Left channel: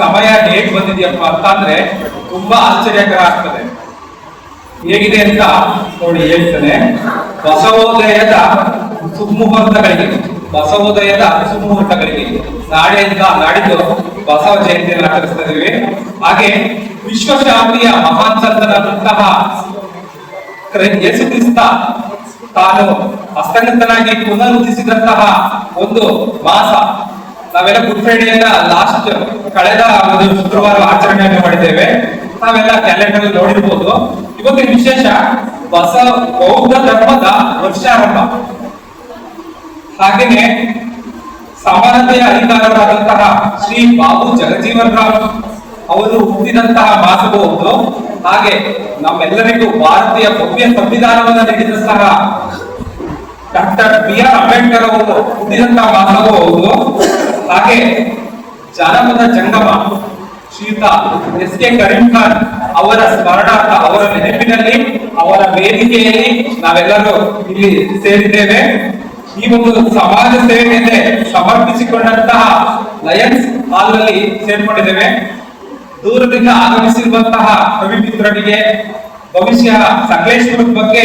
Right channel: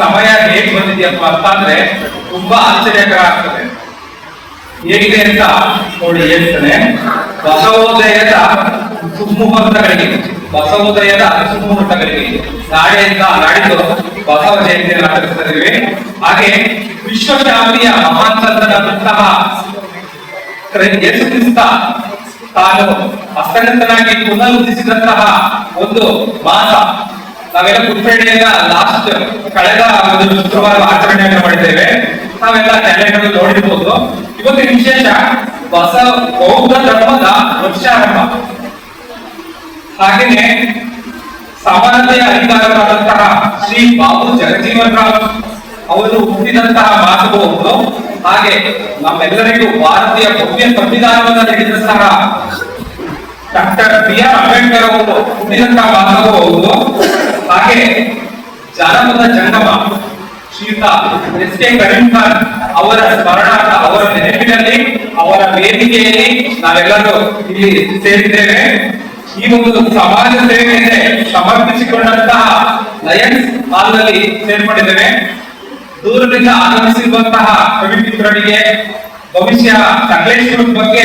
ಸಮಯ ಹೇಗ್ ಬಂದಿದೆಯಪ್ಪ ಅಂತ ಅಂದ್ರೆ ತುಂಬಾ ಆಶ್ಚರ್ಯಕರ ಆಗ್ತದೆ ಹೇಗಿದೆ ಅಂತ ನೋಡಿ ಹೇಳ್ತಾನೆ. ಬಸವೋದಯದ ಸುಮುಹೂರ್ತಗಳಿಗೆ ಬಸವೋದಯದ ಸುಮುಹೂರ್ತಗಳಿಗೆ ನಾಳೆಯಿಂದ ನಾಡಿದ್ದು ಬಸವ ಜಯಂತಿಯನ್ನು ಆಚರಿಸ್ತಾ ಹಾಗೆ ವಿಶ್ವಶಾಂತಿಯ ಮಹಾನ್ ಸಂತನಂತಹ ಯೇಸುಕ್ರಿಸ್ತ ಯೇಸು ಕ್ರಿಸ್ತ ತಾನು ಹಸ್ತಗತನಾಗಿ ಪುನರುದ್ಧಿಸಿದಂತಹ ಒಂದು ಮಾಸ ನಾವೆಲ್ಲ ಗುಡ್ ಫ್ರೈಡೆಯಿಂದ ಲಾಸ್ಟ್ ಕಳೆದ ಒಂದು ಶುಕ್ರವಾರ ಆಚರಣೆಯನ್ನು ಮಾಡಿದ್ದೇವೆ. ನಾವೆಲ್ಲ ಕ್ಯಾಲೆಂಡರ್ ನೋಡಿರ್ಬೋದು. ಇವತ್ತಿನ ವಿಶೇಷ ಹೊಸ ಬೌದ್ಧ ಧರ್ಮದ ವರ್ಷಾರಂಭ ಹಾಗೆಯೇ ಸಮಾನತೆಯ ಅಧಿಕಾರವಾದಂತಹ ಶ್ರೀ ಬಾಬು ಜಗಜೀವನ್ ರಾವ್ ಅವರು ಹುಟ್ಟಿದಂತಹ ಮಾತುಗಳು ಹಾಗೆ ನಮ್ಮೆಲ್ಲರಿಗೂ ಭಾರತೀಯ ಭವ್ಯ ಸಂವಿಧಾನವನ್ನು ನೀಡಿದಂತಹ ಡಾಕ್ಟರ್ ಬಿ ಆರ್ ಅಂಬೇಡ್ಕರ್ ಅವರು ಹುಟ್ಟಿದಂತಹ ಮಾತುಗಳು ಹಾಗೆ ಜಾನಪದ ಜಂಗಮ ಶ್ರೀಯುತ ಎಸ್ ಕೆ ಕರೀಂಖಾನ್ ಅವರ ಸ್ಮರಣಾರ್ಥ ಅವರ ನೆನಪಿನಲ್ಲಿ, ಅವರ ವೇದಿಕೆಯಲ್ಲಿ ನಾವೆಲ್ಲರೂ ಇಲ್ಲಿ ಸೇರಿದ್ದೇವೆ. ಈ ಒಂದು ಸಮಾಜ ಸೇವೆಯಿಂದ ಸಮರ್ಪಿಸಿಕೊಂಡಂತಹ ಲಯನ್ಸ್ ಹಾಲ್ನಲ್ಲಿ ಸೇರ್ಕೊಂಡಿದ್ದೇವೆ. ದೂರದಿಂದ ಆಗಮಿಸಿರುವಂತಹ ಕವಿ ಮಿತ್ರರಿಗೆ ಭವಿಷ್ಯ ಸಕಲೇಶ್ವರದ ಬಗ್ಗೆ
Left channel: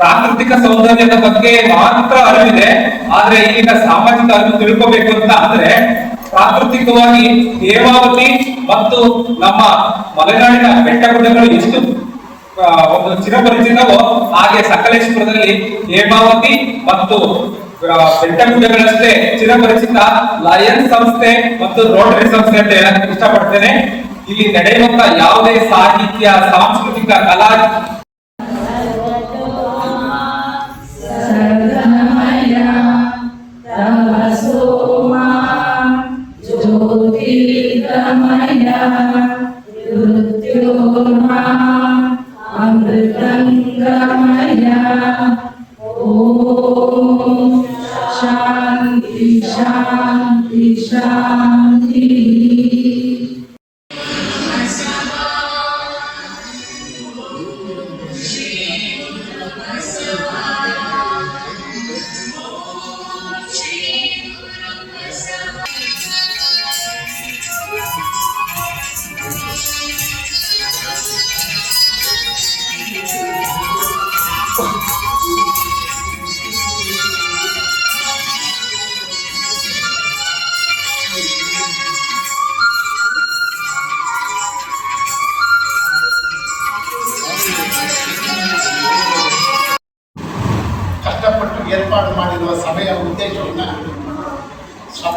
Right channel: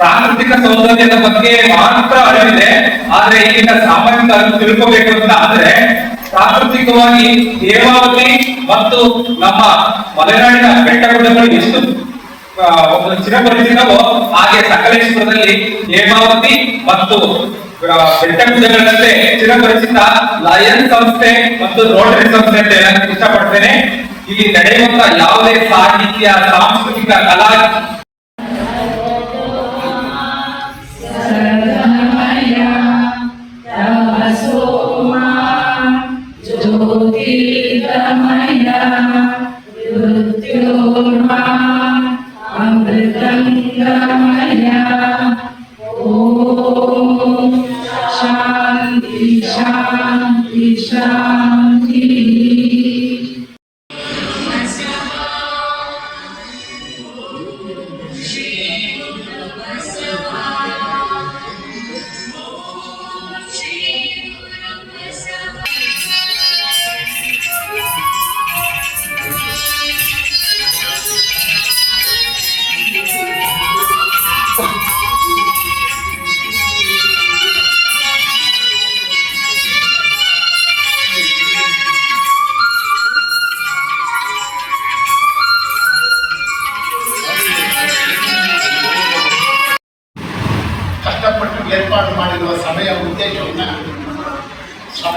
ಪ್ರಾಕೃತಿಕ ಸೌಂದರ್ಯದ ಬಗ್ಗೆ ಮಾತ್ರ ಅರಿವಿದೆ, ಆದ್ರೆ ಈಗಿನ ಸಾಮಾಜಿಕ ಅರಿವು ತಿಳ್ಕೋಬೇಕು ಅಂತ ಅಂದ್ರೆ ಪ್ರಾಕೃತಿಕವಾಗಿ ಹೇಮಾವತಿ ಮತ್ತು ನಮ್ಮ ಮಲೆನಾಡಿನ ಬೆಟ್ಟ ಗುಡ್ಡಗಳು ಎಷ್ಟು ಒಂದು ಚಿರಪರಿಚಿತವೋ, ಹಾಗೆ ಸಕಲೇಶ್ವರದಲ್ಲಿ ಹೇಮಾವತಿ ಮತ್ತು ಬೆಟ್ಟ ಗುಡ್ಡಗಳಷ್ಟೇ ಚಿರಪರಿಚಿತ ಲಯನ್ ಸಂಸ್ಥೆ ಮತ್ತು ರೋಟರಿ ಸಂಸ್ಥೆ ಅಂತ ಹೇಳಕ್ ಇಷ್ಟಪಡ್ತೇನೆ. ಇಲ್ಲಿ ನಡೆಯುವಂತ ಯಾವುದೇ ಸಾಹಿತ್ಯ, ಸಾಂಸ್ಕೃತಿಕ, ಕಲಾ Amen.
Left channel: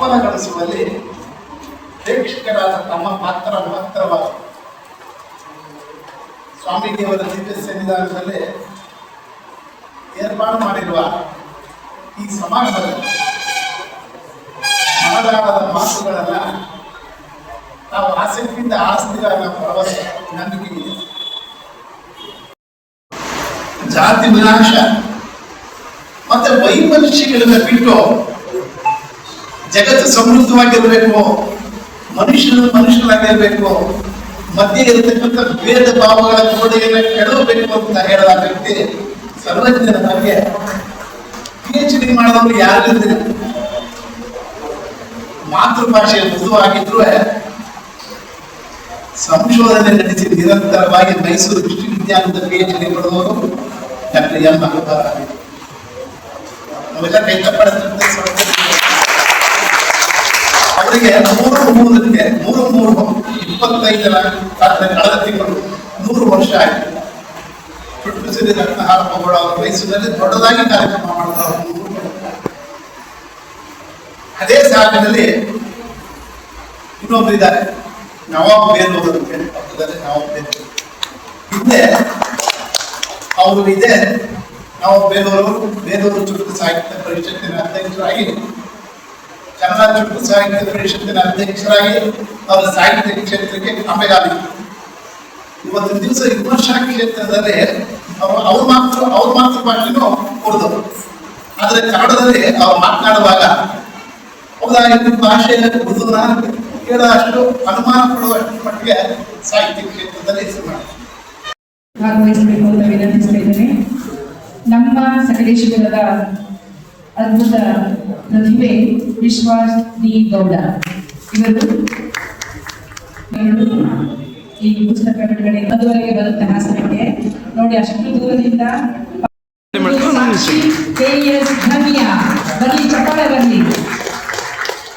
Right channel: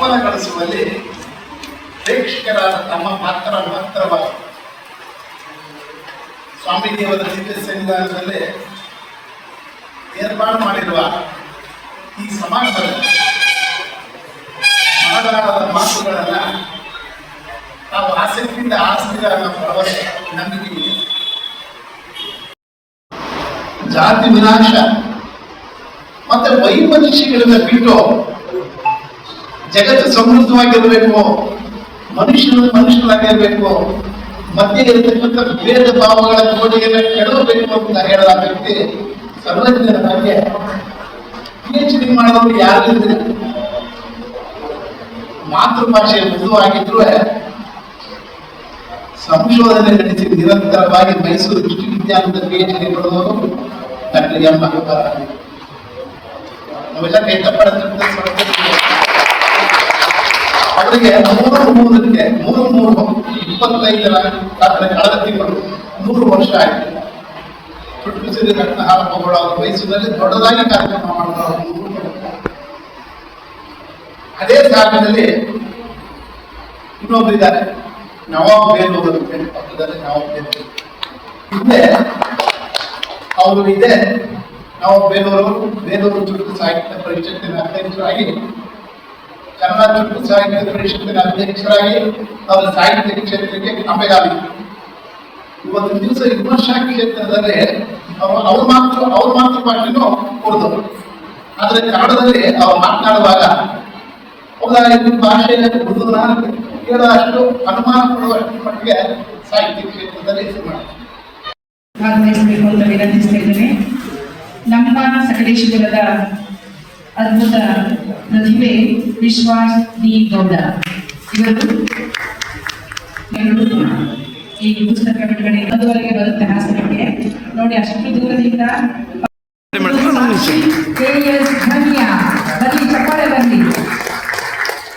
ಸಫಲಗೊಳಿಸುವಲ್ಲಿ ಪ್ರೇಕ್ಷಕರಾದ ತಮ್ಮ ಪಾತ್ರ ಸ್ವಾಮಿ ದೇವರ ಚಿಕಿತ್ಸೆ ಸಂವಿಧಾನದಲ್ಲಿ ಏರ್ಪಾಡು ಮಾಡಿರುವ ಈ ಸಮಾರಂಭದಲ್ಲಿ ಮನದಾಳದ ಮಾತುಗಳನ್ನ ನಾವು ಆಸಕ್ತಿಯಿಂದ ಆಸ್ತಿಗಳ ಭರವಸೆ ನಂಬಿಕೆ ಜಾತಿ ವಿನಾಶ ಮತ್ತೆ ವೈಮನಸ್ಯಗಳನ್ನ ಬಿಟ್ಟು ಜಗತ್ತು ಸಮೃದ್ಧವಾಗಿರ್ಬೇಕು, ಮನುಷ್ಯರು ಮನುಷ್ಯರಾಗಿರ್ಬೇಕು, ಮಧ್ಯೆ ಇರತಕ್ಕಂಥ ಭೇದ ಭಾವಗಳ ಗೋಡೆಯನ್ನು ಕೆಡವಬೇಕು ಅಂತ ಹೇಳದ ವ್ಯಕ್ತಿ ಸರ್ವಜ್ಞರ ಬಗ್ಗೆ ಪಿ ಎಚ್ ಡಿ ಮಾಡಿದವರು ಯಾರಿದ್ರೆ ಮಾತೃಭಾಷೆ ಮೃದುವಾಗಿದ್ರು ಸಂಶೋಧನೆ ನಡೆಸಿ ನಿರಂತರವಾಗಿ ಮೈಸೂರು ವಿಶ್ವವಿದ್ಯಾಲಯದ ಪಿ ಎಚ್ ಡಿ ಪಡೆದವರು ಡಾಕ್ಟರ್ ಎಂ. ನಾವೆಲ್ಲ ಸಂಸ್ಥೆಗಳಿಗೆ ಅವರಿಗೆ ಮೂರು ಮೂರಕ್ಕೆ, ಮೂರು ಮೂರು ಇಪ್ಪತ್ತೈದರ ಕಳೆದ ತಿಂಗಳು ನೂರು ವರ್ಷ ಆಯಿತು. ಪ್ರಕೃತಿ ರತ್ನ ಹಾರಪ್ಪಗಳು ಅವರ ಮೈಸೂರಿನಲ್ಲಿ ದೊಡ್ಡದಾಗಿ ಕಾರ್ಯಕ್ರಮ ಮಾಡ್ತಾರೆ ಅದೇ ಸಾಲಿನಲ್ಲಿ ಇನ್ನೊಬ್ಬರು ಇದ್ದಾರೆ. ನವಾಬ್ ಬೇಲೂರು ಅಂತ ಹೇಳಿ ಪಕ್ಕದಲ್ಲಿ ನವಾಬ್ ಬೇಲೂರು ಹಿಂದೆ ಅವರು ಇದೆ. ನಾವು ಬೇಲೂರು ಬೇಲೂರು ಚುಟುಕು ಸಾಹಿತ್ಯ ಪರಿಷತ್ತಿನ ಅಧ್ಯಕ್ಷರಾಗಿ ಕನ್ನಡ ಚುಟುಕು ಸಾಹಿತ್ಯ ಪರಿಷತ್ತಿನ ಅಧ್ಯಕ್ಷರಾಗಿ ಅವರ ಸಾಹಿತ್ಯ ಕ್ಷೇತ್ರಕ್ಕೆ ಅಮೆಗಾಲಿ ಇವತ್ತು ದಿವಸ ವಿಮರ್ಶಾ ಕ್ಷೇತ್ರದಲ್ಲಿ ಅವರು ಅವ್ರ ಮಾತೃ ಅವ್ರ ಮಾತೃಭಾಷೆನೂ ಉರ್ದು ಆದರೆ ಕನ್ನಡದಲ್ಲಿ ಅವ್ರು ಮಾತನಾಡುವಾಗ ಹೌದಾ ಇದು ಭಾಷೆ ಉರ್ದುನ ಕೇಳೋಷ್ಟು ಅನುಮಾನ ಪಡುವಷ್ಟು ಮಟ್ಟಿಗೆ ಸಾಹಿತ್ಯ ಕ್ಷೇತ್ರದಲ್ಲಿ. ಭಾಗವಹಿಸಬೇಕು ಅಂತ ವಿನಂತಿಸ್ತಿದ್ದೇನೆ ನಮ್ಮ ಸಕಲೇಶ್ವರದ ಅದ್ಭುತ ಪ್ರತಿಭೆ, ವಿಶ್ವಾಸ್ ಡಿ ಗೌಡ. ಇವರು ಈ ಪುಸ್ತಕ ಬಿಡುಗಡೆ ಇನ್ನೊಂದುವರೆಗೆ ಬರುತ್ತೆ ಹಾಸನಕ್ಕೆ ನೋಡಿ, ಅಷ್ಟು ದೂರದಿಂದ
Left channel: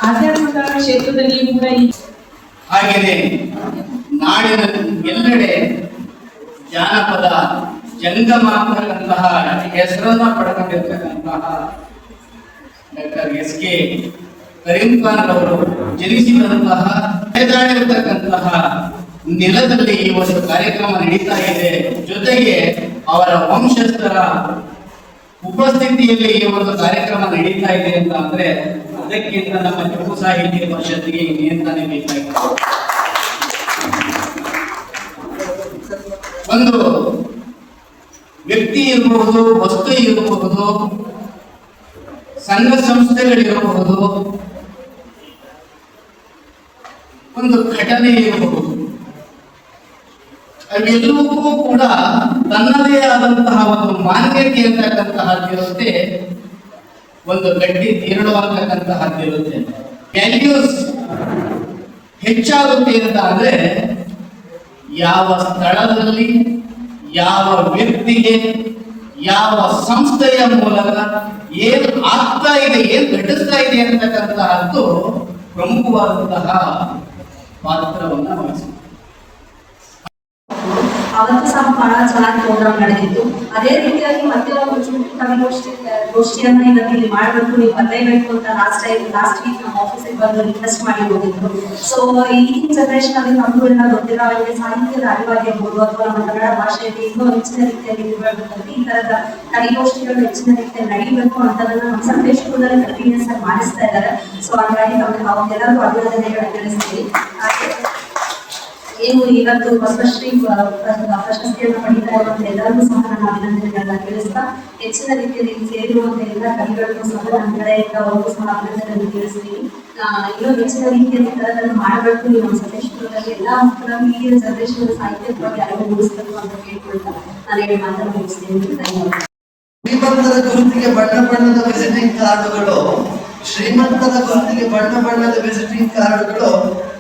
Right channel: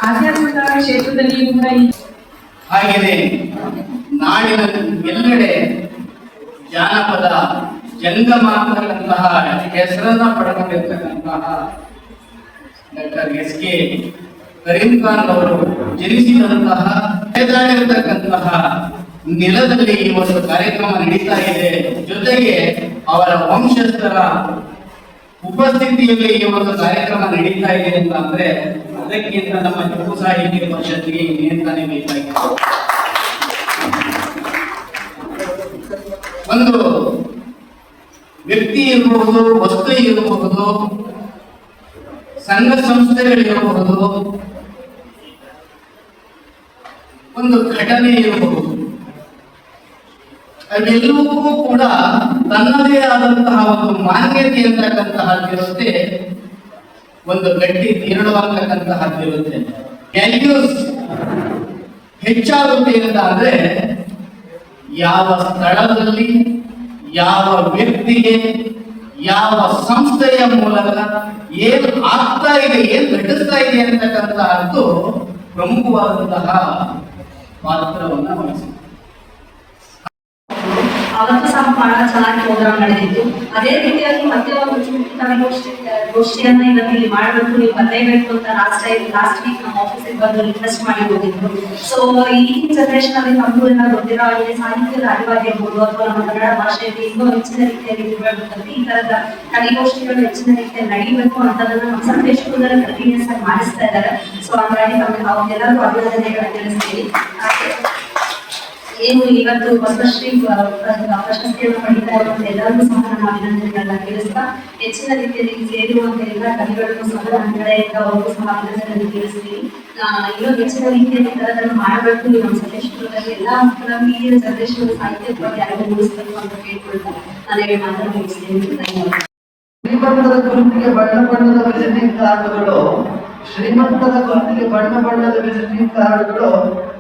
ಆಧ್ಯಾತ್ಮಿಕ ಈ ಹಾಗೆಯೇ ನಾಡಿನ ಎಲ್ಲೆಡೆ ಜಾನಪದ ಜಂಗಮ ಅಂತಕ್ಕಂತಹ ಹೆಸರನ್ನ ಪಡೆದಿರ್ತಕ್ಕಂತಹ ಡಾಕ್ಟರ್ ಎಸ್ ಕೆ ಖಾನ್ ಅವರು ಜನಿಸಿದಂತಹ ಬೆಳೆದಾಡಿರತಕ್ಕಂತಹ ನೆಲದಲ್ಲಿ ಈ ಒಂದು ಕಾರ್ಯಕ್ರಮ ನಡೀತಾ ಇದೆ. ಜೊತೆಗೆ ಅವರ ವಂಶಸ್ಥರ ಉಪಸ್ಥಿತಿಯಲ್ಲಿ ಈ ಒಂದು ಕಾರ್ಯಕ್ರಮ ನಡೀತಾ ಇದೆ ಅಂತ ಅಂದ್ರೆ ಅದಕ್ಕಿಂತ ನಮ್ಮ ಜಂಬು ಸಾಹಿತ್ಯ ಪರಿಷತ್ತಿಗೆ ಇನ್ನೇಂತಾನೆ ಬೇಕಾಗಿತ್ತು. ಒಂದು ವ್ಯಕ್ತಿ ಇರಬಹುದು ವಸ್ತು ಇರಬಹುದು ಸಂಘ ಸಂಸ್ಥೆಗಳಿರಬಹುದು ಒಂದು ಘಟನೆ ಇರಬಹುದು. ಅವೆಲ್ಲವೂ ಕೂಡ ತನ್ನದೇ ಆದಂತಹ ಒಂದು ಮಾನ್ಯತೆ ಅಂತಕ್ಕಂತಹದ್ದಿರುತ್ತೆ ಒಂದು ಗಟ್ಟಿ ತೀರ್ಣವಾಗ್ತಕ್ಕಂತಹದ್ದಿರುತ್ತೆ ವ್ಯಾಲ್ಯೂಸ್ ಹೆಚ್ಚಾಗುತ್ತೆ ಅಂತ ಅಂದ್ರೆ, ಯಾವ ಸ್ಥಳದಲ್ಲಿ, ಯಾವ ವ್ಯಕ್ತಿಗೆ ಯಾವ ಸಂಸ್ಥೆಯ ಮೂಲಕ ಏನು ಆಗ್ತಾ ಇದೆ ಏನು ನಡೆಸ್ತಾ ಇದೆ ಅಂತಕ್ಕಂತಹದ್ದು ಪ್ರಮುಖವಾದಂತಹ ಪಾತ್ರವನ್ನು ವಹಿಸಿದೆ ಅವತ್ತು ಸಹ ಬಹಳ ಚೆನ್ನಾಗಿ ಪ್ರೋಗ್ರಾಮ್ ನಡೆದಿತ್ತು. ಅದೇ ರೀತಿಯಾಗಿ ಮತ್ತೆ ಒಂದು ಗೋಷ್ಠಿ ಗೋಷ್ಠಿಯನ್ನ ಇದನ್ನ ಇಲ್ಲಿ ಮಾಡಬೇಕು. ನೀವು ಬರಲೇಬೇಕು ಅಂತ ಲಾಸ್ಟ್ ಟೈಮ್ ಲಾಸ್ಟ್ ವೀಕ್ ನಮ್ಮ ಆಫೀಸಿಗೆ ಬಂದು ರಿಕ್ವೆಸ್ಟ್ ಮಾಡಿ ಹೋಗಿದ್ರು. ಸೊ ಈ ಜನರೇಷನ್ ಅಲ್ಲಿ ತಮ್ಮ ಎಲ್ಲ ಗೊತ್ತಿರೋ ಹಾಗೆ ಸಾಹಿತ್ಯದ ಅರಿವಾಗಿರ್ಬೋದು ಅಥವಾ ನಮ್ಮ ಕನ್ನಡ ಭಾಷೆಯಲ್ಲಿ ಇನ್ನೂ ಹೆಚ್ಚಿನ ರೀತಿಯಲ್ಲಿ ಮಾಡಬೇಕಂದ್ರೆ ಈ ತರದ ಕಲಿಗೋಷ್ಠಿಗಳು ಹೆಚ್ಚಿನ ರೀತಿಯಲ್ಲಿ ನಡೀಬೇಕು ಅಂತದನ್ನ ನಮ್ಮ ಸಂದೇಶದಲ್ಲಿ ಕಂಟಿನ್ಯೂಸ್ ಆಗಿ ಮಾಡಿಸ್ತಾ ಇದ್ದಾರೆ. ಸೊ ಹಾಗಾಗಿ ತಮಗೆ ಅವ್ರಿಗೆಲ್ಲರಿಗೂ ಅಭಿನಂದನೆಗಳನ್ನ ತಿಳಿಸ್ತೀನಿ. ಏನು ಇವತ್ತು ಪದ್ಮಶ್ರೀ ಪ್ರಶಸ್ತಿಯನ್ನು ಪಡಿತಾ ಇರುವಂತ ಎಲ್ಲರಿಗೂ ಸಹ ನಾನು ಅಭಿನಂದನೆಗಳನ್ನ ತಿಳಿಸ್ತಾ ಹೆಚ್ಚಿನ ರೀತಿಯಲ್ಲಿ ಸೇರುವಂತ ಎಲ್ಲ ಕವಿಗಳಿಗೂ ಸಹ ನನ್ನ ಕಡೆಯಿಂದ ಅವ್ರಿಗೂ ಸಹ ಅಭಿನಂದನೆಗಳನ್ನು ತಿಳಿಸ್ತೀನಿ ಇನ್ನೂ ಹೆಚ್ಚಿನ ರೀತಿಯಲ್ಲಿ ಕಲೆಗಳನ್ನು ಮಾಡಬೇಕು ನಮ್ಮ ಸಕಲೇಶ್ಪುರದಲ್ಲಿ ಎಲ್ಲ ಮಕ್ಕಳನ್ನು ಈಗಿನ ಜನರೇಷನ್ ಸಾಹಿತ್ಯ ಬಗ್ಗೆ ಅರಿವು ಮೂಡಿಸಬೇಕು ಅಂತ ಕೇಳ್ಕೊಳ್ತಾ ನಾನು ಹೇಳಿ ಮಾತನ್ನು ಮುಗಿಸ್ತೀನಿ. ಶ್ರೀಮಂತರ ಗುರುತಿಗೆ ಬಣ್ಣ ಬಣ್ಣದ ವಿಸಿಟಿಂಗ್ ಕಾರ್ಡುಗಳು ಶ್ರೀಮಂತದ ಗುರುತಿಗೆ ಬಣ್ಣ ಬಣ್ಣದ ವಿಸಿಟಿಂಗ್ ಕಾರ್ಡುಗಳು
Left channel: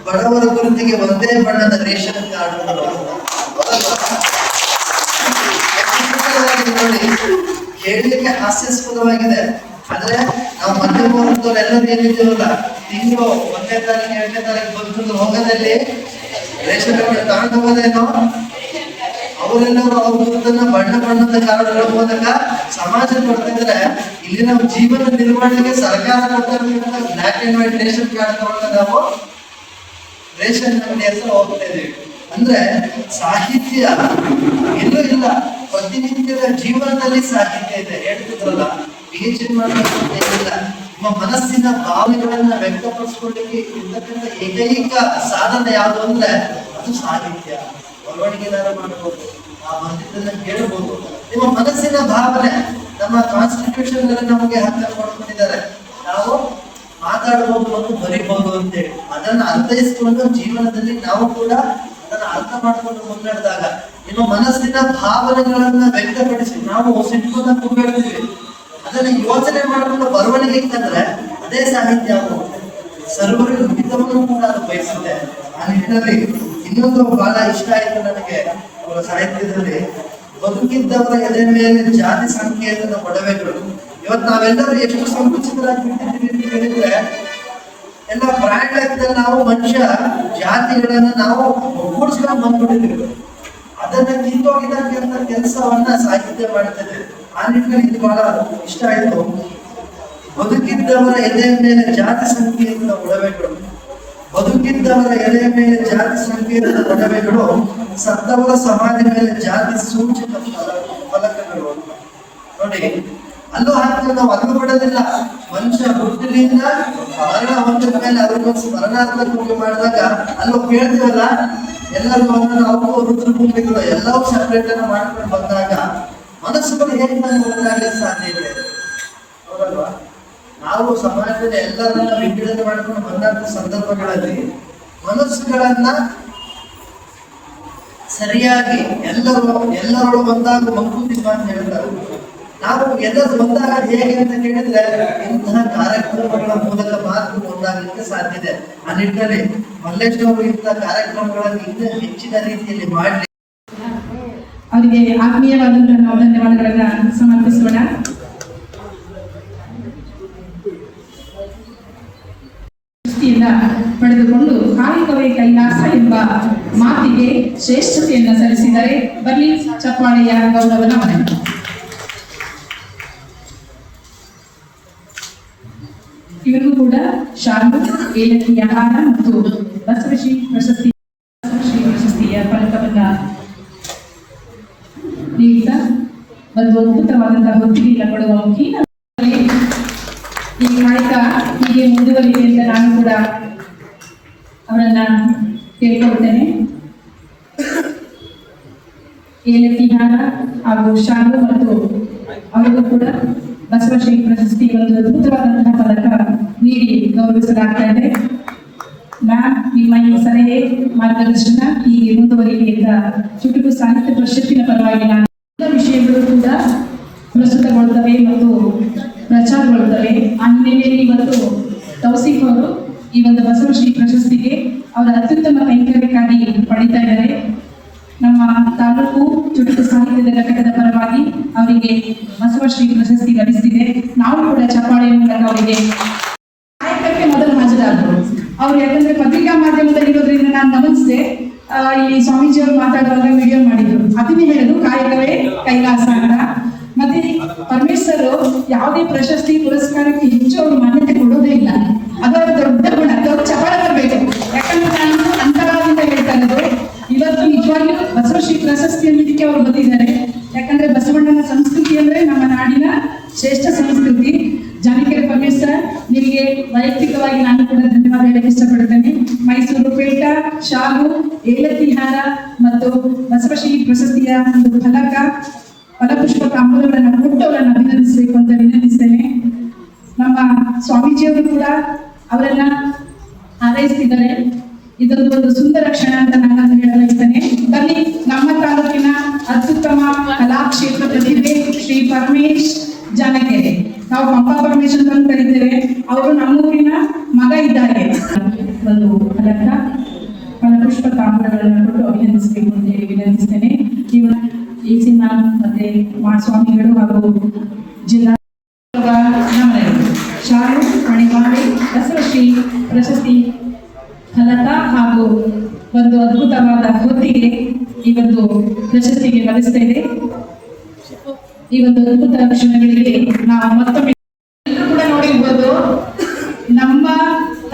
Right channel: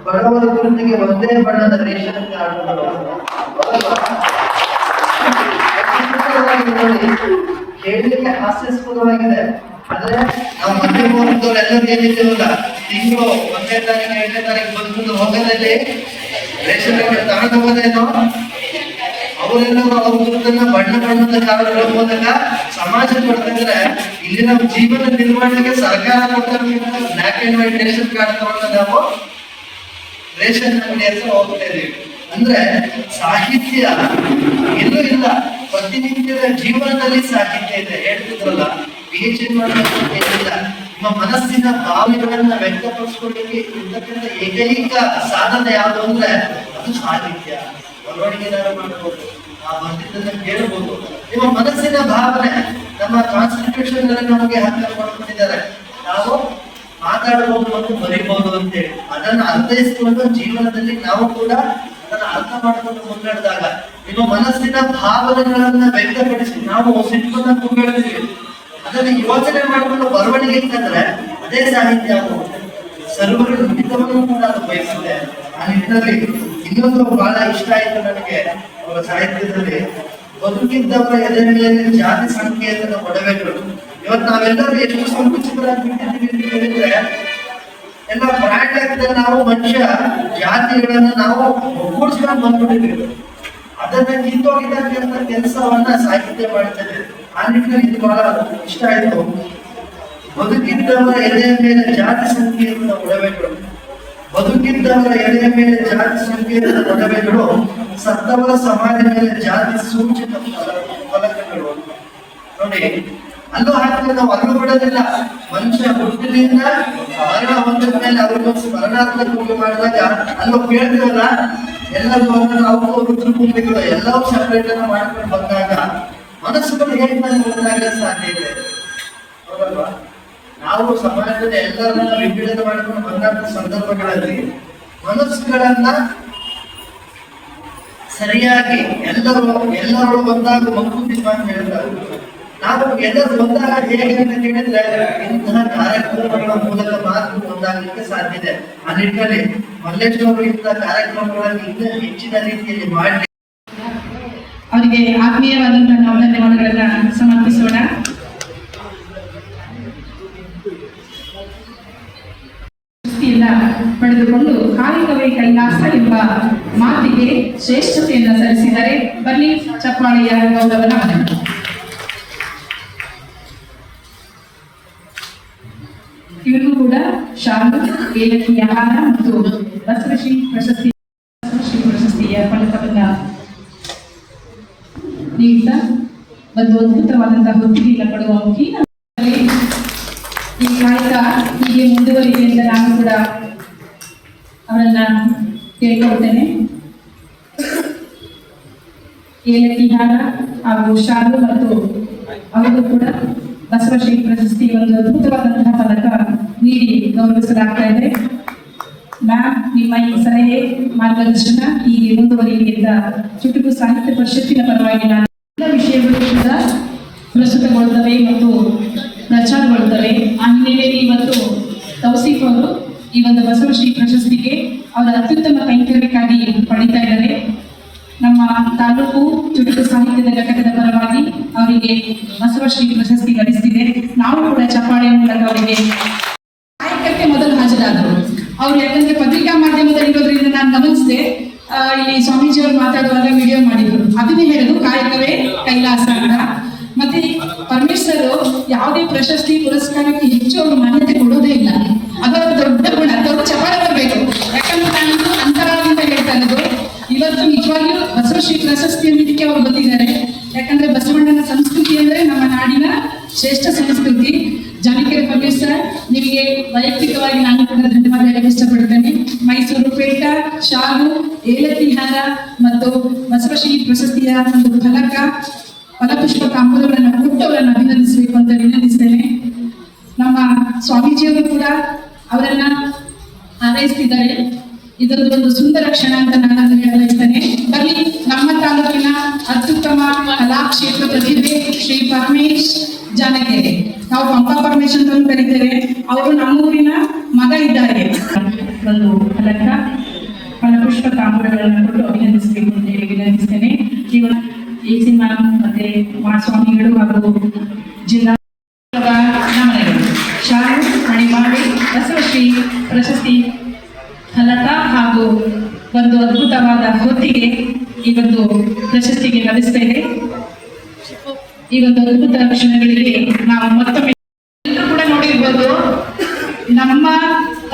ಬಡವರ ಗುರುತಿಗೆ ಒಂದೇ ಬಣ್ಣದ ರೇಷನ್ ಕಾರ್ಡ್ ಹೇಳಲಿಕ್ಕೆ ಹಾಸ್ಯಾಸ್ಪದವಾಗಿದೆ. ಆದ್ರೆ ನಾವು ಮಧ್ಯಮ ಮೂರ್ತವ್ರು ಎಲ್ಲರೂ ಏನಿದ್ದೀವಲ್ಲ ತಿಂಗಳು ಒಂದೇ ತಾರೀಕು, ಎರಡನೇ ತಾರೀಕು ಬಂತು ಹೋಗದಲ್ಲಿ ರೇಷನ್ ಕಾರ್ಡ್ ತಗೊಂಡೋಗೋದೇನೋ? ಅವರೆಲ್ಲರೂ ಅವ್ರ ಗುರುತನ್ನ ಬಣ್ಣ ಬಣ್ಣದ ಕಾರ್ಡುಗಳ ಮೂಲಕ ಸಮಾಜ ಕೊಡ್ತಿದ್ರೆ ಇಲ್ಲಿ ನಾವು ಜೀವನ ನಿರ್ವಹಣೆಗೆ ಸರ್ಕಾರ black and white ration card ತಗೊಂಡ ನಾವು ರೇಷನ್ ಅಂಗಡಿ ಹತ್ರ ಇದೆ ಅಂದ್ರೆ ಸಾಹಿತ್ಯ ಎಲ್ಲೂ ಇಲ್ಲ. ಪ್ರತಿನಿತ್ಯದ ಜೀವನದಲ್ಲಿ ಸಾಹಿತ್ಯ ಇದೆ. ಹೇಳ್ತಿದ್ರಲ್ಲ ಪಿ ಎಚ್ ಏನಿಲ್ಲ. ನಿಮ್ಮ ಮನಸ್ಸಿನ ಭಾವನೆಗಳನ್ನ ವ್ಯಕ್ತಪಡಿಸ್ಕೊಳ್ಳಿಕ್ಕೆ ಇರ್ತಕ್ಕಂಥ ಏಕೈಕ ಸಾಧನೆ ಯಾವುದು ಅಂದ್ರೆ ಅದು ಸಾಹಿತ್ಯ. ಬರವಣಿಗೆ ಮಾಡ್ಬೋದು, ಆ ಬಂದಿದ್ದನ್ನ ಹೇಳ್ಬೋದು. ನಿಮ್ಮ ಮನಸ್ಸಿನ ಭಾವನೆ, ನಮ್ಮ ಕಾನ್ಸ್ಟಿಟ್ಯೂಷನ್ ನಮಗೆ ಹಕ್ಕನ್ನು ಕೊಡ್ಕೊಂಡಿದ್ದಾರೆ ನಾವು ಮಾತಾಡಬಹುದು ಮತ್ತು ಬರೀಬಹುದು ಅಂತೇಳಿ ಅದನ್ನ ಅರ್ಥೈಸಿಕೊಂಡು ಜೀವನದಲ್ಲಿ ನಾವು ಕೂಡ ಅದನ್ನ ಅರ್ಥ ಮಾಡಿಕೊಂಡು ಮುನ್ನಡೆದಾಗ ನಿಮ್ಮ ಮನಸ್ಸಿನ ಭಾವನೆಗಳನ್ನ ವ್ಯಕ್ತಪಡಿಸಿ, ನಾವು ಸಿನಿಮಾದ ಮುನ್ನಡೆದಿವಿ ಅದನ್ನ ಯೋಚನೆ ಮಾಡಿಕೊಂಡು ಬರವಣಿಗೆ ಇತ್ತಂದ್ರೆ ಅದೇ ಸಾಹಿತ್ಯ ಸರ್ವರ ಹಿತವನ್ನು ಕೂಡ ಅದು ಬಯಸಿದೆ ಆ ನಿಟ್ಟಿನಲ್ಲಿ ಇನ್ನೊಂದು ಬಹಳ ಇಷ್ಟ ಆಯ್ತು ನನಗೆ, ಅವರ ಸಾಹಿತ್ಯದಲ್ಲಿ. ಬದುಕಿದ್ದವರ ಎದೆ ಮೇಲೆ ಜಾತಿ ಸಂಕೇತದ ಒಡವೆಗಳು. ಇವತ್ತು ನಾವೆಲ್ಲರೂ ಎಷ್ಟು ಸಂಕುಚಿತರಾಗ್ಬಿಟ್ಟಿದ್ದೀವಿ ಹೇಳಿದ್ರೆ ಎಲ್ಲ ಬ್ರ್ಯಾಂಡ್ ಲೆಕ್ಕದಲ್ಲಿ ನಾವು ಮನುಷ್ಯ, ಜಾತಿಗಳನ್ನ ನಾವು ಒಗ್ಗೂಡಿಸ್ಕೊಂಡು ಬಂದ್ಬಿಟ್ಟಿದ್ದೀವಿ. ಅದನ್ನ ಕಿತ್ತೋಗಿದ್ದ ಕೆಲಸವನ್ನ ಸಾಹಿತ್ಯ ಮಾಡ್ತದೆ ಆ ನಿಟ್ಟಿನಲ್ಲಿ ಇದು ಬಹಳ ಇಷ್ಟ ಆಯ್ತು. ಬದುಕಿದ್ದವರ ಎದೆಯ ಮೇಲೆ ಜಾತಿ ಸಂಖ್ಯೆಯಿಂದ ಒಡವೆಗಳು. ಬದುಕಿದ್ದವರ ಎದೆಯ ಮೇಲೆ ಜಾತಿ ಸಂಕೇತದ ಒಡವೆಗಳು, ಸತ್ತವರ ಸಮಾಜ ಮೇಲೆ ಜಾತಿ ಸೂಚಿತ ಫಲಕಗಳು. ನೋಡಿ ಅಲ್ಲೂ ಹಾಗೆ ನಾವು ಅರಿವು ಬಿಡೋದಿಲ್ಲ ಮನುಷ್ಯ ಹುಟ್ಟಿನಿಂದ ಮರಣ ಹೊಂದಿದ ಮೇಲೆ ಅವ್ರಿಗೊಂದು ಪೂಜೆ ಮಾಡಿದಾಗ ಅಲ್ಲೂ ಕೇಳ್ತೀವಲ್ಲ, ಎಲ್ಲರೂ ನಾವು ರುದ್ರಭೂಮಿಗಳು ಎಲ್ಲವೂ ಸೆಪರೇಟ್ ಅನ್ನು ಮಾಡ್ಕೊಂಡು ಬಂದಾಗ ಮನಸ್ಸುಗಳು ಹೇಗೆ ಬಂದಾಗ ಸಾಧ್ಯ ಇದೆ? ನಾವು ಸಮಾಜದ ಎಲ್ಲರನ್ನ ವಿಂಗಡಣೆ ಮಾಡ್ಕೊಂಡು ಬಂದಂತ ಸಂದರ್ಭಗಳಲ್ಲಿ ಮನಸ್ಸುಗಳನ್ನ ಸರಿಯಾಗಿ ಎಲ್ಲರೂ ಎಲ್ಲರೂ ಬಂದಾಗ ಮಗುವಿನ ಅಂತ ಹೇಳ್ತಾರೆ. ನಾವು ಎಲ್ಲರೂ ಒಂದಾಗ ಹೇಗೆ ಅಂತ ಕೇಳಿದ್ರೆ ಇಂತಹ ಕಾರ್ಯಕ್ರಮಗಳ ಮೂಲಕ ಮಾತ್ರ ಒಂದಾಗಲಿಕ್ಕೆ ಸಾಧ್ಯ ಇದೆ. ಆ ನಿಟ್ಟಿನಲ್ಲಿ ಮಲ್ಲೇಶ್ವರ ಇಂತಹ ಕಾರ್ಯಕ್ರಮಗಳನ್ನು ಇನ್ನೂ ಹೆಚ್ಚಿನ ರೀತಿಯಲ್ಲಿ ಮಾಡಲಿ ಅವರಿಗೆ ಆತ್ಮೀಯವಾದಂತಹ ನಾವು ಧನ್ಯವಾದಗಳನ್ನ ಸಮರ್ಪಿಸೋಣ ಪಡೆದುಕೊಂಡು ಕಾಯಕವೇ ಕೈಲಾಸ ಎಂಬ ಮಾತಿಗೆ ಶ್ರೇಷ್ಠತೆಯನ್ನು ಸಲ್ಲಿಸಿದರೆ ಬನ್ನಿ ಚಪ್ಪಾಳೆಯ ಗೌರವನ ಏಲಕ್ಕಿ ಆಹಾರ ಮತ್ತು ಬಸವಶ್ರೀ ಪ್ರಶಸ್ತಿ ಬಸವಶ್ರೀ ಪ್ರಶಸ್ತಿಯ ಫಲಕವನ್ನ ನೀಡ್ತಾ ಒಂದು ಅದ್ಭುತವಾದಂತಹ ಹೊತ್ತಿಗೆಲ್ಲ ಕೊಡುವ ಮುಖೇನ ಈ ಕಾಯಕ ಹೀಗೆ ಮುಂದುವರಿದೆ ಅಂತ ನಾನು ಕೂಡ ಅವರನ್ನ ಕೇಳ್ಕೊಳ್ತೇನೆ ಏಲಕ್ಕಿ ಹಾರ ಹಾಗೂ ಶಾಲು ಮತ್ತು ಅವರಿಗೂ ಕೂಡ ಬಸವಶ್ರೀ ಪ್ರಶಸ್ತಿ ಒಂದು ಅದ್ಭುತವಾದಂತಹ ಫಲಕ ನೀಡಿ ಗೌರವಿಸಲಾಗ್ತಾ ಇದೆ ಮ್ಯಾಮ್ ನಿಮ್ಮ ಈ ಸಲಹೆ ಮಾರ್ಗದರ್ಶನ ಹೀಗೆ ಮುಂದುವರಿಕೆ ಅಂತ ಚುಟುಕು ಸಾಹಿತ್ಯ ಪರಿಷತ್ತಿನ ಪರವಾಗಿ ನಾನು ಎಲ್ಲ ವಿಷಯಗಳು ಕೂಡ ಪ್ರಸ್ತುತಗೊಳ್ಳುತ್ತವೆ ಮತ್ತು ಪ್ರಚಾರಗೊಳ್ಳುತ್ತವೆ ಆ ಹಿನ್ನೆಲೆಯಲ್ಲಿ ಇವತ್ತು ತೌಸೀಫ್ ಅವರು ಈ ಒಂದು ಬಸವಶ್ರೀ ಪ್ರಶಸ್ತಿಗೆ ಅವರ ಅತ್ಯುತ್ತಮ ಕೈಂಕರ್ಯಕ್ಕಾಗಿ ಪಡಿತಾ ಇದ್ದಾರೆ. ನಮ್ಮ ತಾಲೂಕು ಚುಟುಕು ಸಾಹಿತ್ಯದ ಘಟಕದ ಪರವಾಗಿ ಅವರಿಗೆ ಬಸವಶ್ರೀ ಪ್ರಶಸ್ತಿ ಲಭಿಸಿದೆ ನಾವು ಕೂಡ ಚಪ್ಪಾಳೆ ಮೂಲಕ ಅವರಿಗೆ ಕಾಯಕಕ್ಕೆ ಮೊದಲು ಹಾಜರಾದರು ಅವ್ರು ಯಾಕಂದ್ರೆ ಪತ್ರಿಕಾ ಮಾಧ್ಯಮದಲ್ಲಿ ಇರೋದ್ರಿಂದ ನಾನು ಗಮನಿಸಿದೆ ಆ, ಇಲ್ಲಿ ಸ್ವಾಮೀಜಿ ಅವರು ಮಾತಾಡುವಾಗ ವಿಡಿಯೋ ಮಾಡಿದ್ರು ಅದನ್ನೇ ಹೇಳುದು ಕಾಯಕವೇ ಕೈಲಾಸ ಅಂತ ಮತ್ತೆ ಪರಮೇಶ್ವರ್ ಯಾವುದೇ ಪ್ರಶಸ್ತಿ ಪುರಸ್ಕಾರಕ್ಕೆ ಹೆಚ್ಚು ಅವರು ಮಾನ್ಯತೆ ಕೊಡೋದೇ ಇಲ್ಲ ಅದು ಅವರ ದೊಡ್ಡ ಗುಣ ದೊಡ್ಡ ಚಪಲ ಬರಬೇಕು ಯಾಕಂದ್ರೆ ನಾನು ಅಂತರವಾಗಿಂದ ಹೇಳ್ತಾ ಇರೋದು ಇವತ್ತು ನಿಜವಾಗಿಯೂ ಬಸವಶ್ರೀ ಪ್ರಶಸ್ತಿ ಅನ್ನೋದಕ್ಕೆ ಅವರು ಬಂದಿದ್ದಾರೆ ಯಾಕಂದ್ರೆ ಬಸವಣ್ಣನ ಸಂಸ್ಕೃತಿ ಅಂದ್ರೆ ನಮ್ಮ ನಾಡಿನ ಶ್ರೇಷ್ಠ ಸಂಸ್ಕೃತಿ ಜಾನಕಿಯರ ಪರಮೇಶ್ವರ ನಿಮಗೆ ವೈಯಕ್ತಿಕವಾಗಿ ನಾನು ಕೂಡ ಧನ್ಯವಾದ ಹೇಳಕ್ಕೆ ಇಷ್ಟಪಡ್ತೇನೆ ಮೈಸೂರು ಪೇಟ ಶಾಲು ಏಲಕ್ಕಿ ಹಾರ ಮತ್ತು ಬಸವಶ್ರೀ ಪ್ರಶಸ್ತಿಯ ಒಂದು ಫಲಕ ಫಲಪುಷ್ಪ ಕಾಂಬುಗಳನ್ನು ಕೊಟ್ಟು ಅವರನ್ನು ಅಭಿನಂದಿಸಬೇಕು ಅಂತ ವಿನಂತಿಸ್ತೇನೆ ನಮ್ಮ ಸ್ವಾಮೀಜಿಯವರು ಕೂಡ ಅವರನ್ನ ಹಾರೈಸ್ತಿದ್ದಾರೆ ಇದೊಂದು ಒಂದು ಸುಂದರ ಕ್ಷಣ ಅಂತ ನಾನು ಹೇಳಲು ಇರ್ತೇನೆ ಬನ್ನಿ ನಮ್ಮ ತಾಲೂಕಿನ ಅತ್ಯುತ್ತಮ ಕಲಾಕ್ಷೇತ್ರ ಪ್ರತಿಭೆ ಶ್ರೀ ಪರಮೇಶ್ ಜಾನಕೆರೆ ನಾವು ಪಂಪಾ ಪರಮೇಶ್ ಅಂತ ಕರೀತೇವೆ ಅವರು ನಮ್ಮೂರಿನ ಮಗ ಇದ್ದಾರೆ ಒಂದು ಫಲಕ ಫಲಪುಷ್ಪ ಕಾಂಬುಗಳನ್ನು ಕೊಟ್ಟು ಅಭಿನಂದಿಸಬೇಕು ಅಂತ ಹೇಳಿ ವಿನಂತಿಸ್ತೇನೆ ಇವತ್ತು ಎ ಸಿ ಮ್ಯಾಮ್ ಮತ್ತೆ ಸ್ವಾಮಿಗಳು ಹಾಗೂ ಜಿಲ್ಲಾ ನಮನಗಳು ಶಾಲು ಮಣಿಮಾಡಿ ಬಸವಶ್ರೀ ಪ್ರಶಸ್ತಿ ಫಲಕ ಹಾಗೂ ಒಂದು ಅದ್ಭುತವಾದ ಹೊತ್ತಿಗೆ ಈ ಒಂದು ಪ್ರಶಸ್ತಿಗೆ ಲಭಿಸ್ತಾ ಇದೆ. ಈ ಒಂದು ಅದ್ಭುತ ಕ್ಷಣಗಳಿಗೆ ನಾವು ಮತ್ತೊಮ್ಮೆ ಎಲ್ಲರೂ ಕೂಡ ನೋಡಿರ್ಬೋದು. ನಮ್ಮ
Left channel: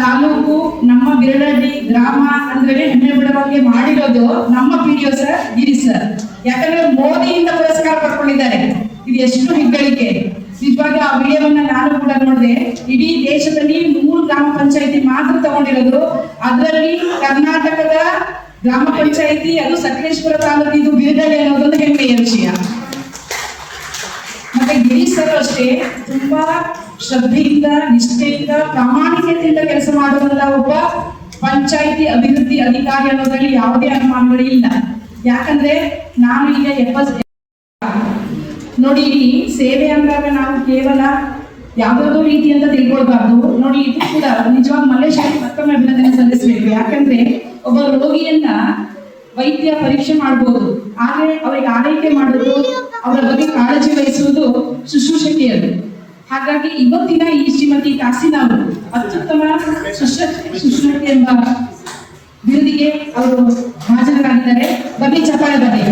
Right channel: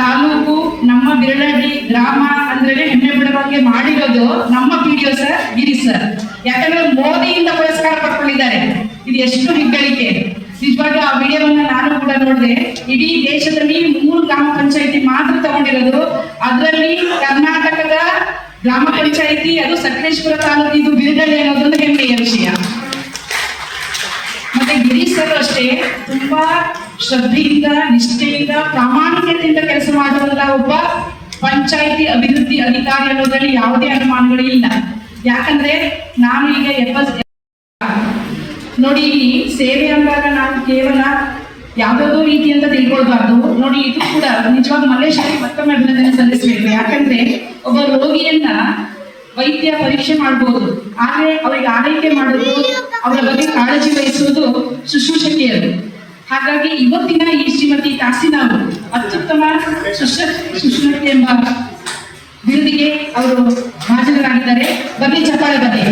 ತಾಲೂಕು, ನಮ್ಮ ಬಿರಳಹಳ್ಳಿ ಗ್ರಾಮ ಅಂದ್ರೆ ಹೆಮ್ಮೆ ಬಿಡುವಂಗೆ ಮಾಡಿರೋದು ನಮ್ಮ P D sir Giri sir ಯಾಕಂದ್ರೆ ಮೋದಿಯಿಂದ ಪುರಸ್ಕಾರ ಪಡ್ಕೊಂಡಿದ್ದಾರೆ ಇದು ಎಷ್ಟು ಹೆಗ್ಗಳಿಕೆ ನಿಜವಾಗ ಆ ವಿಡಿಯೋವನ್ನ ನಾನು ಕೂಡ ನೋಡಿದೆ ಇಡೀ ದೇಶದಲ್ಲಿ ಮೂರು ಗ್ರಾಮ ಪಂಚಾಯತಿ ಮಾತ್ರ ತಗೊಂಡಿರೋದು ಅದರಲ್ಲಿ ಕರ್ನಾಟಕದ ಗ್ರಾಮ ಪಂಚಾಯತಿ ಅದು ಸಕಲೇಶ್ಪುರ ತಾಲೂಕಿದು ಬಿರುದಳ್ಳಿ ವಿಷಯ ಮತ್ತೆ ಗಿರೀಶ್ ಸರ್ ಅಷ್ಟೇ ತುಂಬಾ ಶ್ರದ್ಧೆಯಿಂದ, ನಿಷ್ಠೆಯಿಂದ, ಪ್ರಾಮಾಣಿಕತೆಯಿಂದ ಕೆಲಸ ಮಾಡುವಂತ ಒಬ್ಬ ಪಂಚಾಯಿತಿ ಅಭಿವೃದ್ಧಿ ಅಧಿಕಾರಿ ಅನ್ನೋದ್ರಲ್ಲಿ ಯಾವುದೇ ಅನುಮಾನಗಳು ಇಲ್ಲ. ಯಾಕಂದ್ರೆ ನಾನು ಈಗ ಎಪ್ಪತ್ ನೋಡಿ ಸೇವೆ ಅಂದಾಗ ನಾವು ಕೇವಲ ಯಾವ್ದಾವುದೋ ರೀತಿ ಅಂತ ತಿಳ್ಕೊಳ್ಬಾರ್ದು. ನೋಡಿ, ಇದು ಕೂಡ ನಿಜವಾಗ ಮಲ್ಲೇಶ್ವರಿ ಮತ್ತೊಮ್ಮೆ ಅಭಿನಂದನೆ ಸಲ್ಲಿಸಬೇಕು. ಯಾಕಂದ್ರೆ ಒಬ್ಬ ರೋಗಿಯನ್ನ ವೈದ್ಯ ಪರೀಕ್ಷೆ ಮಾಡಬಹುದು ಆದ್ರೆ ಅವರಿಗೆ ಆರೈಕೆ ಮಾಡೋದು, ಅವರ ಬಗ್ಗೆ ಕಾಳಜಿ ವಹಿಸುವುದು ಶುಶ್ರೂಷಕಿಯರು. ಹಾಗಾಗಿ ಇವತ್ತಿನ ಈ ಶ್ರೀಮತಿ ತಾಸಿನ ಅವರು ಅತ್ಯುತ್ತಮ ಶುಶ್ರ, ಶುಶ್ರೂಷಕಿ ಎಂಬ ಬಿರುದಿಗೆ ಅವರು ಹಾಜರಾಗಿದ್ದಾರೆ. ಬನ್ನಿ ಚಪಾಳೆ ಬನ್ನಿ.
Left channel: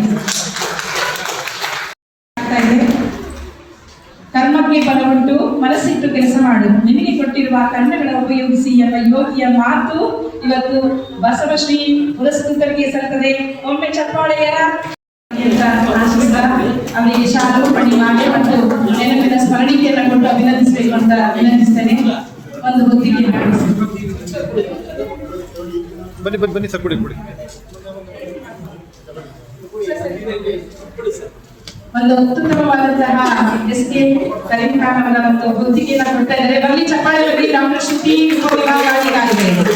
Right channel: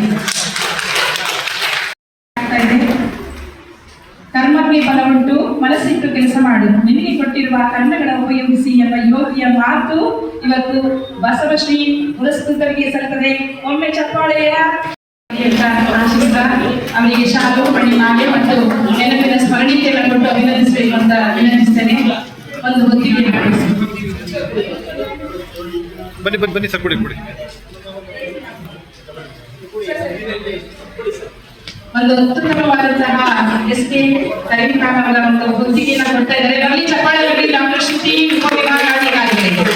ಕರ್ಮಕ್ಕೆ ಬಲವುಂಟು, ಮನಸ್ಸಿಟ್ಟು ಕೆಲಸ ಮಾಡು. ನಿಮಗೆ ಕೊಟ್ಟಿರುವ ಕರ್ಣಗಳ ಉಪಯೋಗಿಸಿ ಎಂಬ ಯೋಗಿಯ ಮಾತು ಇವತ್ತು ಬಸವಶ್ರೀ ಪುರಸ್ಕೃತರಿಗೆ ಸಲ್ತದೆ ಒಮ್ಮೆ ಚಪ್ಪಾಳೆಯ ಅವರಿಗೆ ಶಾಲು ಮಣಿ ಮಾಡಿ ಮತ್ತು ನೆನಪಿನ ಸ್ಮರಣಿಕೆಯನ್ನು ಕೊಟ್ಟು ಅಭಿನಂದಿಸಬೇಕು ಅಂತ ವಿನಂತಿಸ್ತೇನೆ. ಒಂದು ಹೊತ್ತಿಗೆ ಬನ್ನಿ ಬನ್ನಿ ಬನ್ನಿ ಸರ್ ಕೊಡಿ ಕೊಡಿ. ಒಂದು ಅತ್ಯುತ್ತಮವಾದಂತಹ ಎಸ್ ಕೆ ಒಂದು ಹೊತ್ತಿಗೆಯನ್ನು ಕೊಡ್ತಾ ಇದ್ದಾರೆ. ನಮಗೆ ಚಪ್ಪಾಳೆ ರವಿ ಡಾಕ್ಟರ್ ಶ್ರುತಿ ಉಪವಿಭಾಗಾಧಿಕಾರಿಗಳು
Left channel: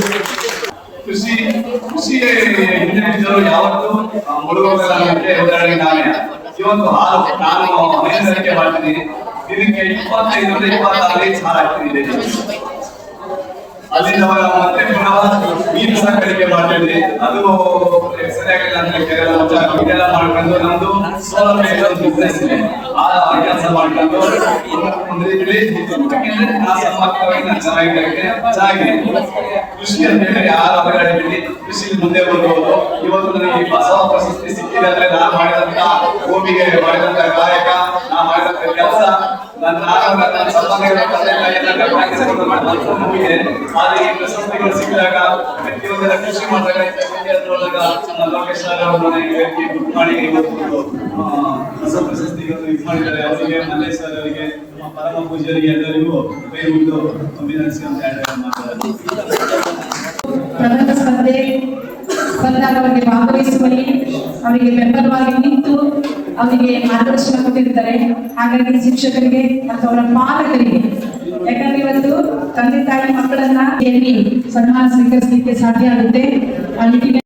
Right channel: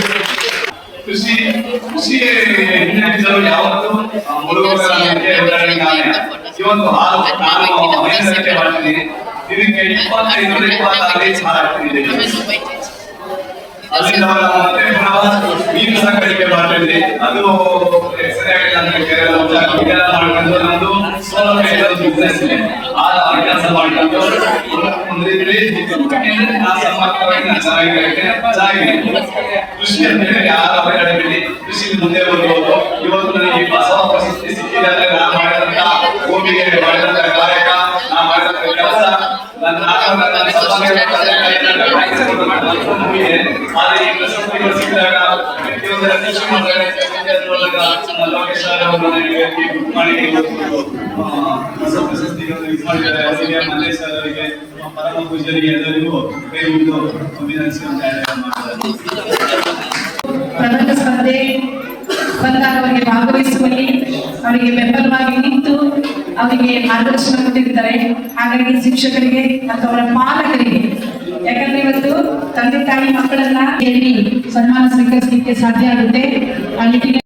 ಕೃಷಿ ಕೃಷಿ ಹಿನ್ನೆಲೆಗಳು ಯಾವತ್ತೂ ಆ, ಮುಳುಗುವುದಕ್ಕೆ ಉದಾಹರಣೆಗಾನೆ. ಇವತ್ತು ಹಾಲು ನಾನು ಹೈನುಗಾರಿಕೆ ಮಾಡ್ತೀನಿ ಇದಕ್ಕೆ ಇಪ್ಪತ್ತೈದು ಇಪ್ಪತ್ತಾರು ಲೀಟರ್ ಹಾಲು ಹಾಕ್ತಿದ್ದೀನಿ ಅಲ್ಲಿಂದವರ ಮತ್ತೆ ಪುನಃ ನೀರು ಸಂಗ್ರಹಕ್ಕೆ ಮಾಡ್ತಿದ್ವಿ ಅದು ಸರಿಯಾಗಿಲ್ಲ ಅಂತ ಕೇರಳ ಇದೆಲ್ಲ ಮಾಡ್ಕೊಂಡು ನಮ್ದು ಸೌಲಭ್ಯ ಇರೋದು business ಇದೆ. ಆ ಕೆಲಸ ಮಾಡ್ಕೊಂಡು ಒಂದು ರೀತಿಲಿ ಆ ಸಮಗ್ರವಾಗಿ ಚೆನ್ನಾಗಿರುತ್ತೆ ಚೆನ್ನಾಗಿದೆ ಕೃಷಿ ಅಂತ ಹೇಳಿ ಯಾರ ಅವಘಡದಲ್ಲಿ ಕೃಷಿ ಮುಂದೆ ಬರ್ಬೋದು ಇವತ್ತು ನನಗೆ ಈ ಬಸವ ಪ್ರಶಸ್ತಿ ಸಿಕ್ಕಿದೆ ಅಂದ್ರೆ ನಾನು ಮಾಡಿದಂತ ಭೂಮಿಗೆ ಮಾಡಿದಂತ ಕಾಯಕ ನಾ ಮಾಡಿದಂತ ಕೆಲಸ ನನ್ನ ನಾನು ನನ್ನ ಸಂಪಾದನೆ ತಂದೆ ತಾಯಿಯನ್ನ ಕಾಯಿಸಿಕೊಂಡು ಮಾಡಿದಂತ ಭೂಮಿಗೆ ಆದ್ರೆ ಈ ಪ್ರಶಸ್ತಿಗಳು ಸಿಕ್ಕಿದಾಗ ಪ್ರತಿಯೊಂದರ ಕೃಷಿ ಮಾಡ್ತಾರೆ ಮೂಲಕ ನಮ್ಮ ಮಾಡಿದ್ದಾರೆ ಅವರಿಗೆ ಅವರಿಗೆ ಪರಮ ಎಲ್ಲರಿಗೂ ಸ್ಪರ್ಧೆ ಬಂದಾಗ ಅವರಿಗೆ ಭಾಗವಹಿಸುವಲ್ಲಿ ಅವರಿಗೆ ಬೆಂಬಲವಾಗಿ ನಿಂತು ಅವರಿಗೆ ಮಾರ್ಗದರ್ಶನ ಕೊಟ್ಟಿರ್ತಾರೆ ಹಾಗಾಗಿ ಶಿಕ್ಷಕರಿಗೆ ಮತ್ತು ಅವರ ಪಾಲಕರಿಗೆ, ಯಾಕಂದ್ರೆ ಇವತ್ತು ತಂದೆ ತಾಯಿ ಮಕ್ಕಳನ್ನ ಇಲ್ಲಿ ಸನ್ಮಾನ ಸ್ವೀಕರಿಸಲಿಕ್ಕೆ ಸಾಧ್ಯ ಆಗುತ್ತೆ. ಅಲ್ಲಿ